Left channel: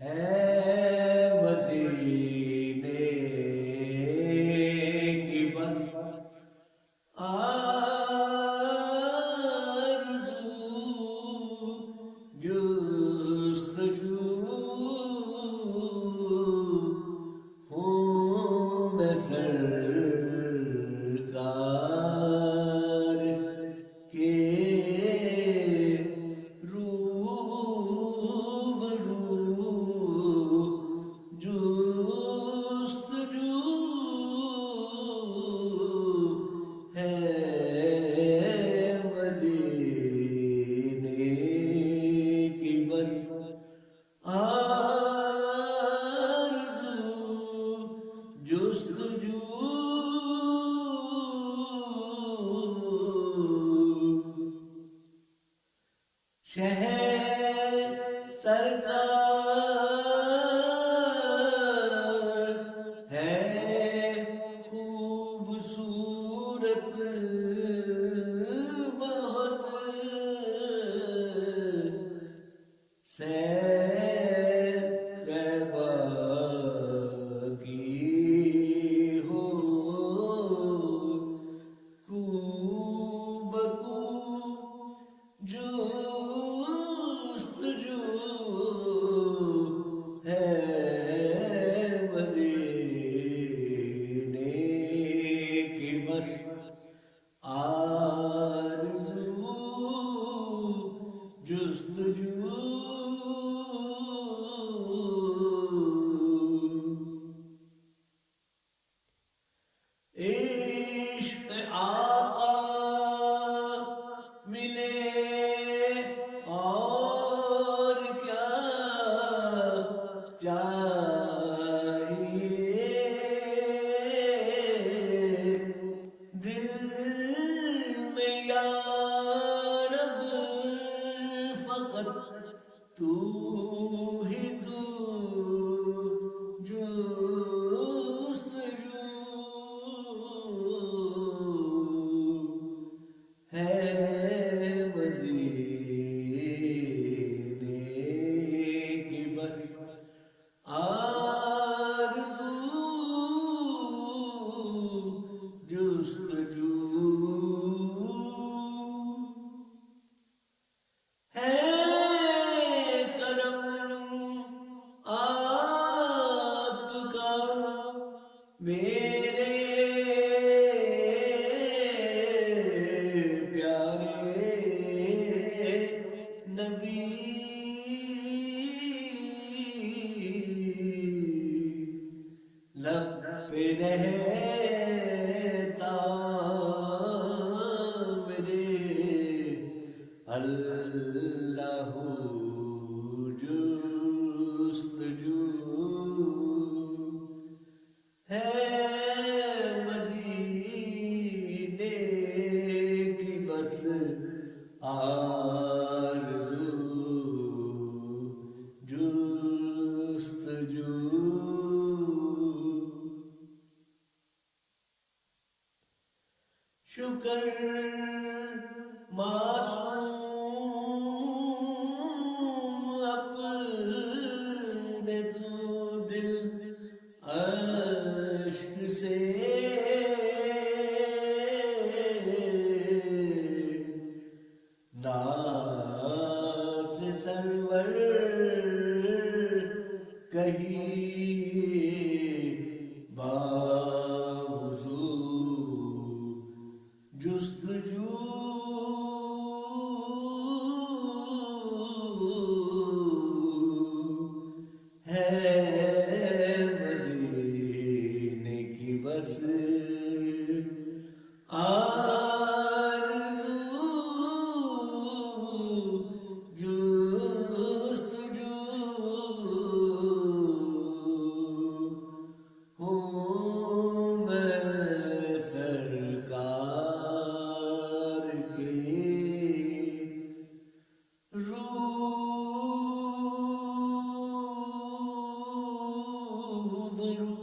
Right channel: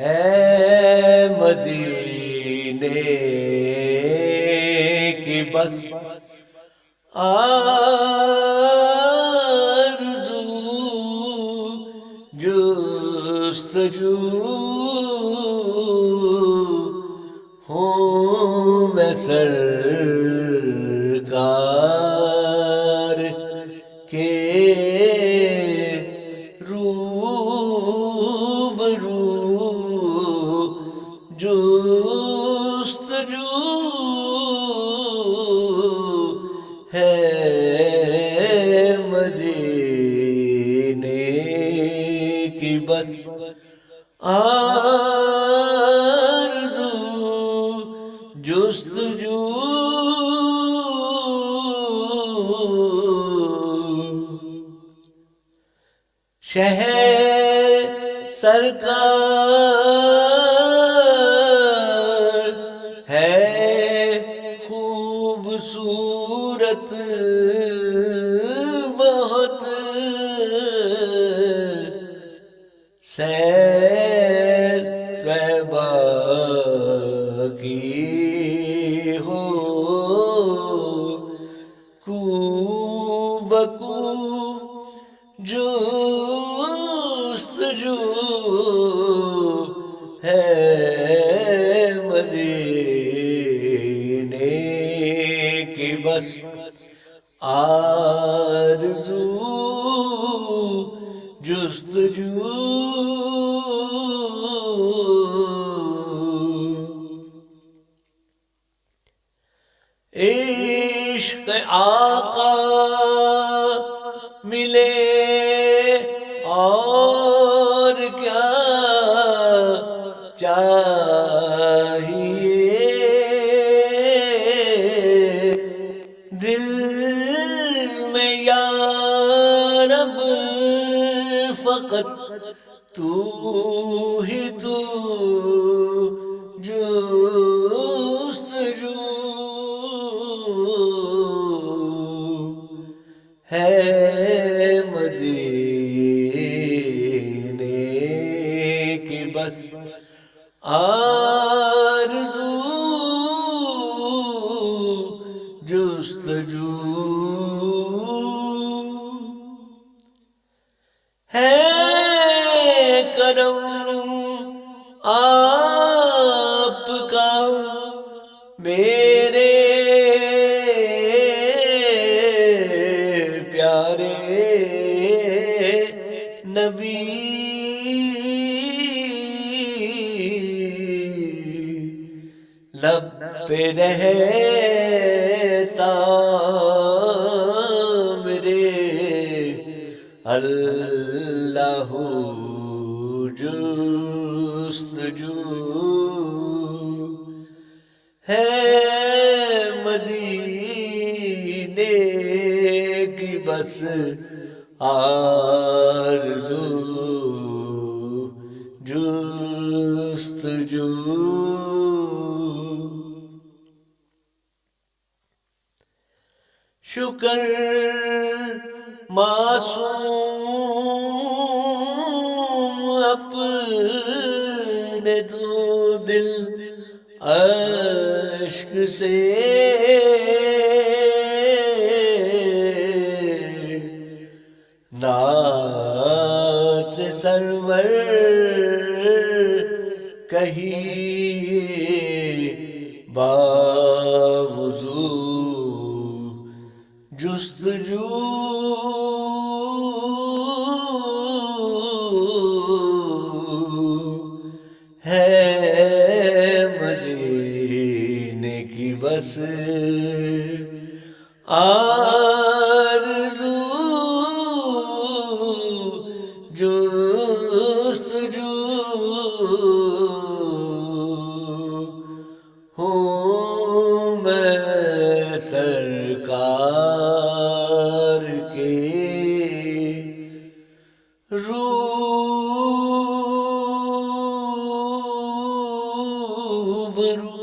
ہے مدینے کی بس آرزو، جستجو ہوں میں سرکار کے روبرو، جستجو ہے مدینے کی بس آرزو، جستجو شہر سرکار ہے خوبصورت بہت، سیر طیبہ کی ہو کو بکو جستجو ہے مدینے کی بس آرزو، جستجو عشق آقا ملے اور کیا چاہیے، دل میں یا رب فقط تو ہی تو، جستجو ہے مدینے کی بس آرزو، جستجو ہے کرم آپ کا میرے پیارے نبی، لب پہ رہتا میرے اللہ جستجو ہے مدینے کی بس آرزو، جستجو شکر معصوم اپنے تو دل اشک سے نعت سرور کہیے باوضو، جستجو ہے مدینے کی بس آرزو، جستجو ہوں میں سرکار کے روبرو۔